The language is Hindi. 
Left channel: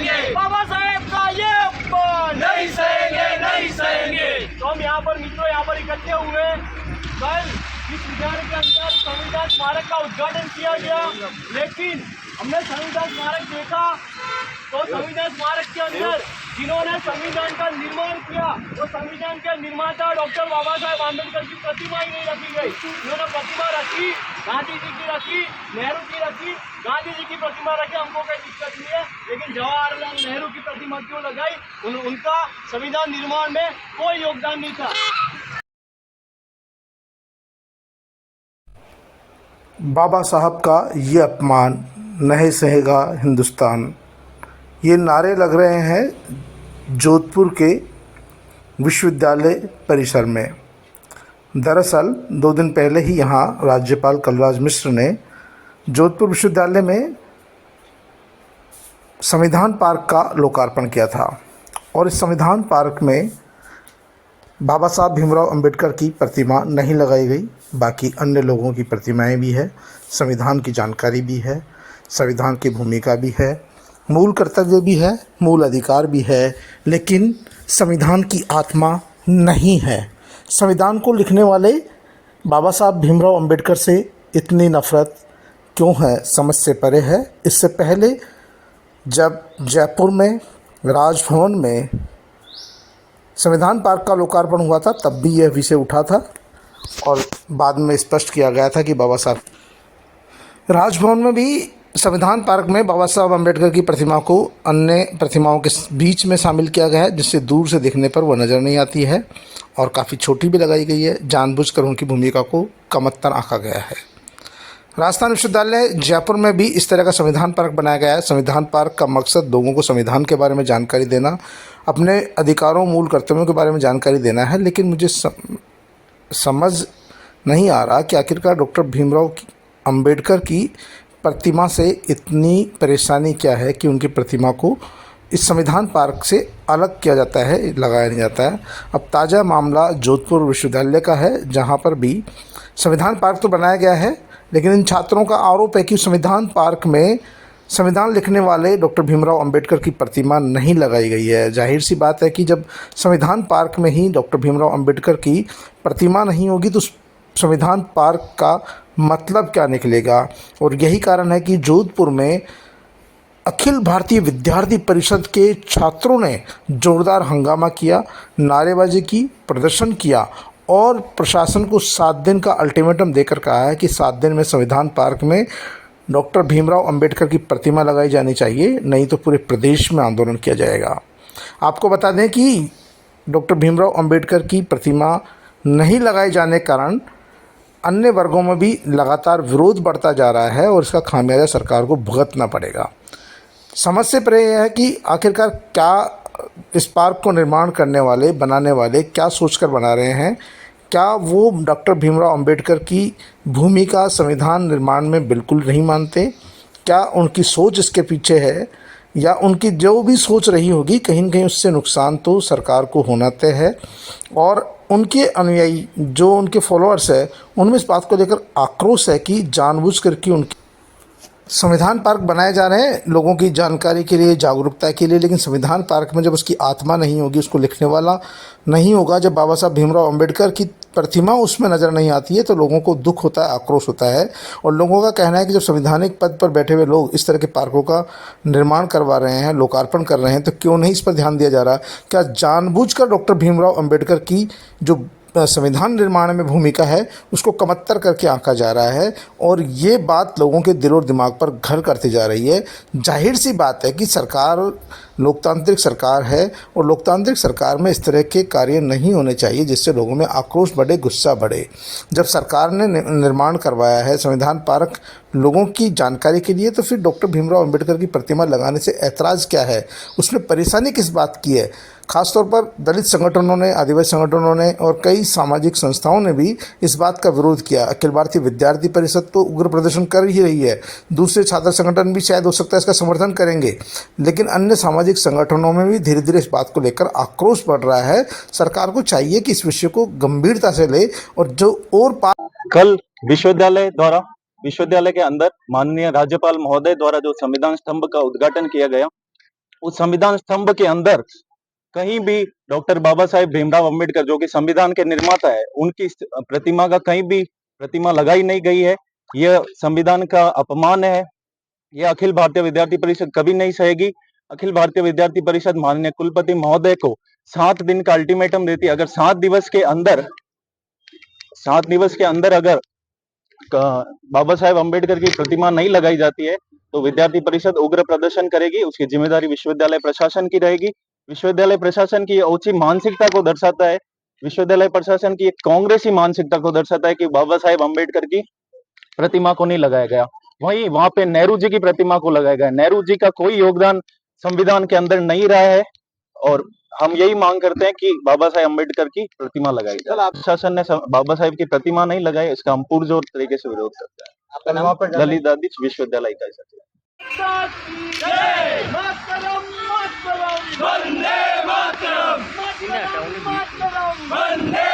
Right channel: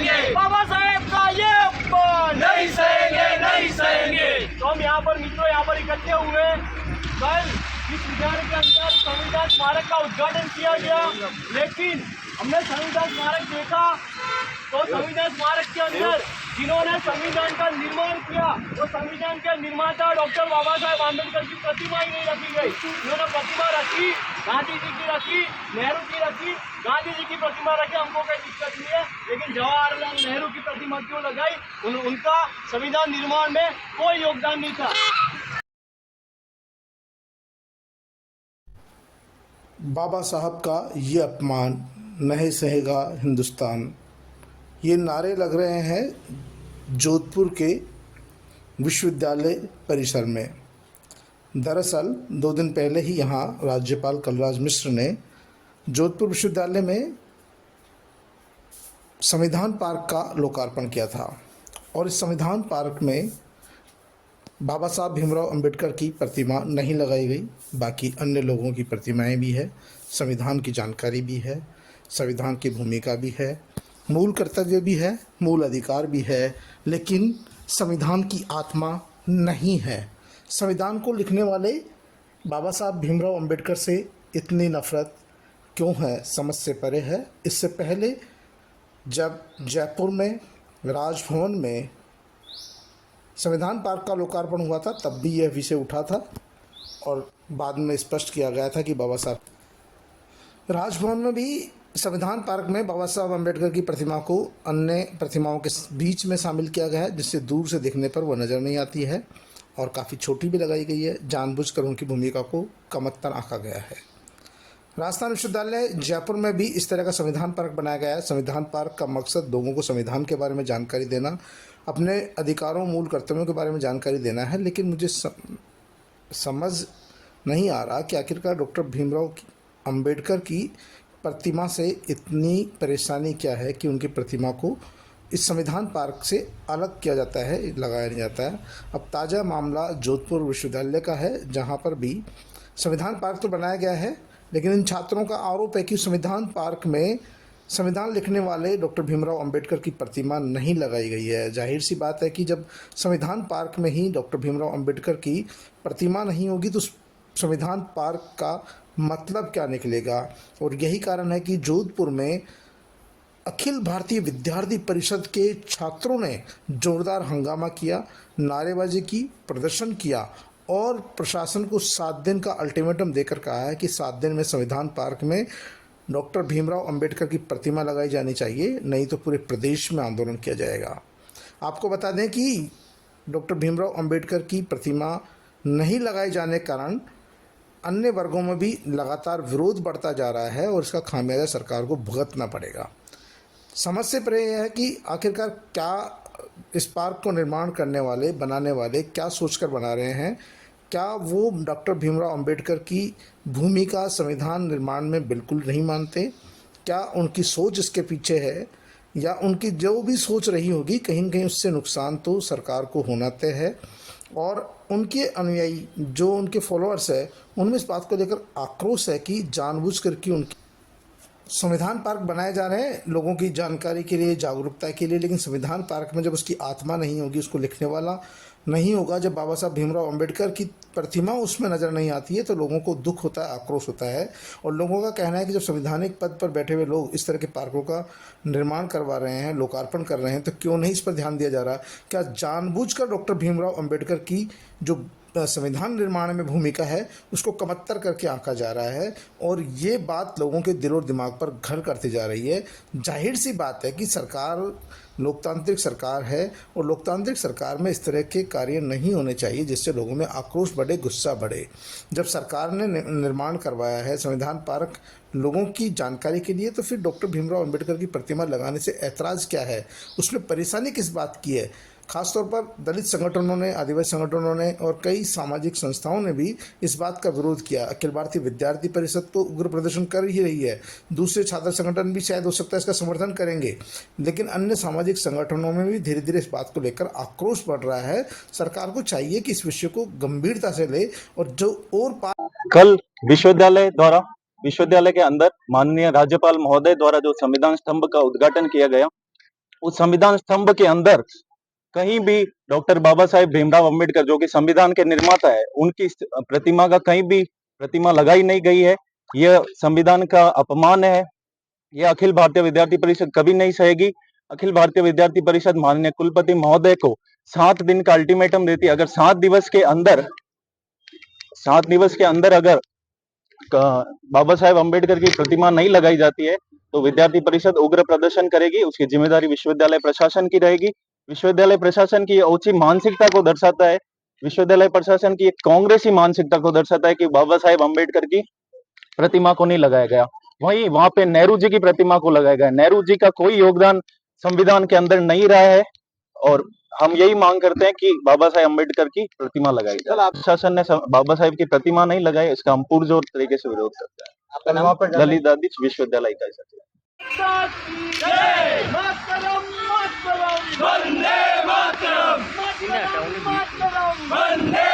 बाबा साहेब का ये अपमान नहीं सहेंगे, नहीं सहेंगे। तो हम यहाँ पर मित्रों यहाँ पर इकट्ठे हुए। कल इस विद्यालय के अंदर संविधान स्मारक का उद्घाटन किया गया, लेकिन हमने संविधान स्मारक देखा तो संविधान स्मारक के अंदर जिन्होंने संविधान का निर्माण किया वो संविधान के निर्माता डॉक्टर बाबा साहेब आम्बेडकर की प्रतिमा ही नहीं रखी गई। उन्होंने प्रतिमा रखी, गांधी जी की रखी, नेहरू की रखी, गांधी जी की प्रतिमा रखी, हमको कोई दिक्कत नहीं है, लेकिन जवाहरलाल नेहरू की प्रतिमा क्यों लगाई? उनका संविधान निर्माण में कोई योगदान नहीं था। बाबा साहब का ये अपमान नहीं सहेगा हिंदुस्तान, ये नारे लग रहे हैं जोधपुर के विश्वविद्यालय परिसर में। दरअसल 2 दिन पहले ही यहाँ राज्यपाल कलराज मिश्र ने जोधपुर विश्वविद्यालय में संविधान पार्क का लोकार्पण किया था और इस संविधान पार्क में बाबा साहब भीमराव अंबेडकर की प्रतिमा नहीं लगाई गई, बाकी अन्य लोगों की प्रतिमाएं भी है, संविधान की जानकारी भी है, संविधान की भूमिका भी है, मूल कर्तव्य भी है, मूल अधिकार भी है, लेकिन संविधान की आत्मा नहीं है। संविधान को लिखने वाले बाबा साहब भीमराव अंबेडकर से इतनी नफ़रत क्यों है, समझ से परे है। इससे पहले जब जयपुर में राजभवन में संविधान पार्क का लोकार्पण हुआ था तब भी यह विषय उठा था और बाद में स्पष्ट किया गया था कि बाबा साहब राजभवन में भी संविधान पार्क में बाबा साहब अम्बेडकर की प्रतिमा को अन्य प्रतिमाओं के बीच में शामिल किया गया है, जिससे दूर से देखने पर वह नज़र नहीं आती है और काफ़ी छोटी भी लगाई गई है। जानबूझकर उनकी भूमिका को कमतर आंका गया है। राजस्थान विश्वविद्यालय जयपुर में भी इस तरह का संविधान पार्क बनाया गया है। संविधान पार्क का मकसद लोगों को संविधान के बारे में जानकारी देना, अपने अधिकारों मूल कर्तव्यों के बारे में जानकारी देना है, लेकिन मुझे समझ नहीं आ रहा कि आखिरकार डॉक्टर भीमराव अंबेडकर की प्रतिमा से इतनी परेशानी क्या है कि उनकी प्रतिमा को इस संविधान पार्क से अलग किया जाता है, लगाया नहीं जाता है। अब ताज़ा मामला जोधपुर विश्वविद्यालय का है, जहां पर भी संविधान पार्क तो बनाया गया है, लेकिन इन छात्रों का आरोप है कि संविधान पार्क में संविधान लिखने वाले डॉक्टर भीमराव अंबेडकर की प्रतिमा नहीं लगाई गई है। जाहिर सी बात है कि जब संविधान पार्क में ही डॉक्टर भीमराव अंबेडकर की प्रतिमा नहीं होगी तो संविधान पार्क का मतलब क्या निकलेगा। और यही कारण है कि जोधपुर में अखिल भारतीय विद्यार्थी परिषद के छात्रों ने जोरदार हंगामा किया, नारेबाजी की, प्रदर्शन किया और प्रशासन को 7 दिन का अल्टीमेटम देकर कहा है कि 7 दिन में संविधान पार्क में डॉक्टर भीमराव अंबेडकर की प्रतिमा लगाई जानी चाहिए, नहीं तो पूरे प्रदेश में आंदोलन किया जाएगा। आपको बता दें कि डॉक्टर भीमराव अंबेडकर की प्रतिमा नहीं लगाए जाने के कारण अन्य वर्गों में भी लगातार विरोध बढ़ता जा रहा है और इसका खामियाजा सरकार को भुगतना पड़ेगा। समझ से परे यह है कि आखिरकार क्या इस पार्क को निर्माण करने वाले, बनाने वाले क्या सोचकर बना रहे हैं। क्या वो डॉक्टर भीमराव अंबेडकर की भूमिका संविधान निर्माण में बिल्कुल नहीं मानते? क्या उनकी सोच इसके पीछे है, या उनकी जो भी सोच रही होगी कहीं न कहीं उससे नुकसान तो सरकार को होना तय है। और उनके अनुयायी जो उनके फॉलोअर्स है उनमें इस बात को लेकर आक्रोश है कि जानबूझकर कि उनकी संविधान पार्क बनाए जा रहे हैं लोगों की जानकारी के लिए, जागरूकता के लिए, लेकिन संविधान पार्क में जब उसकी आत्मा नहीं होगी, उसको लिखने वाला नहीं होगा, जब बाबा साहब भीमराव अंबेडकर की प्रतिमा उसमें नज़र नहीं आती है तो लोगों को दुख होता है, आक्रोश होता है। और लोगों का कहना है कि जब संवैधानिक पद पर बैठे हुए लोग इस तरह के पार्कों का निर्माण करवा रहे हैं, लोकार्पण कर रहे हैं, तो क्यों नहीं इस पर ध्यान दिया जा रहा? क्या जानबूझकर डॉक्टर भीमराव अंबेडकर की जो संविधान निर्माण में भूमिका है उसको कमतर करके आंका जा रहा है और ये बात लोगों के दिल और दिमाग पर घर करती जा रही है। जाहिर सी बात है कि सरकार लोकतांत्रिक सरकार है और लोकतांत्रिक सरकार में इस तरह के कार्य नहीं होने चाहिए जिससे लोगों में आक्रोश बढ़े, गुस्सा बढ़े। जब सरकार ने निर्माण करवाया है संविधान पार्क लोगों की जानकारी के लिए, तो फिर डॉक्टर भीमराव अंबेडकर की प्रतिमा लगाने से ऐतराज़ क्या है, उसमें परेशानी किस बात की है? खासतौर पर दलित संगठनों ने, आदिवासी संगठनों ने और कई सामाजिक संस्थाओं ने भी इस बात का विरोध किया। अखिल भारतीय विद्यार्थी परिषद तो उग्र प्रदर्शन कर ही रही है, दूसरे छात्र संगठन भी शायद हो सकता है इसका समर्थन करेंगे, लेकिन अन्य सामाजिक संगठनों में भी धीरे धीरे इस बात को लेकर आक्रोश बढ़ रहा है। सरकार को चाहिए कि इस विषय को गंभीरता से ले और जो और कल विश्वविद्यालय के अंदर माननीय राज्यपाल महोदय द्वारा जो संविधान स्तंभ का उद्घाटन किया गया, उस संविधान स्तंभ के अंदर कहीं भी डॉक्टर बाबा साहेब भीमराव अंबेडकर जो कि संविधान के निर्माता है उनकी प्रतिमा का कहीं भी प्रतिमा लगाई नहीं गई है। यह संविधान का अपमान है। यह अखिल भारतीय विद्यार्थी परिषद कभी नहीं सहेगी। अखिल भारतीय विद्यार्थी परिषद माननीय कुलपति महोदय को 7 दिन का अल्टीमेटम देती है। अगर 7 दिवस के अंदर अगर बाबा साहेब अंबेडकर की प्रतिमा नहीं लगाई जाती है तो विद्यार्थी परिषद उग्र प्रदर्शन करेगी। उसकी जिम्मेदारी विश्वविद्यालय प्रशासन की रहेगी। विश्वविद्यालय प्रशासन की ओछी मानसिकता को दर्शाता है। विश्वविद्यालय प्रशासन की एक कांग्रेसी मानसिकता को दर्शाता है कि बाबा साहेब अंबेडकर की प्रतिमा को नहीं लगाया गया। वहीं वहां पे नेहरू जी की प्रतिमा को लगाया गया। नेहरू जी का कोई योगदान संविधान के अंदर नहीं रहा है और हम यही मांग करते हैं कि बाबा साहेब अंबेडकर की प्रतिमा लगाई जाए। प्रशासन ने बाबा साहेब की प्रतिमा नहीं लगाई, इसका हम पुरजोर तरीके से विरोध करते हैं। ललित दादिच विश्वविद्यालय इकाई सचिव। मातरम मातरम वंदे मातरम मातरम मातरम वंदे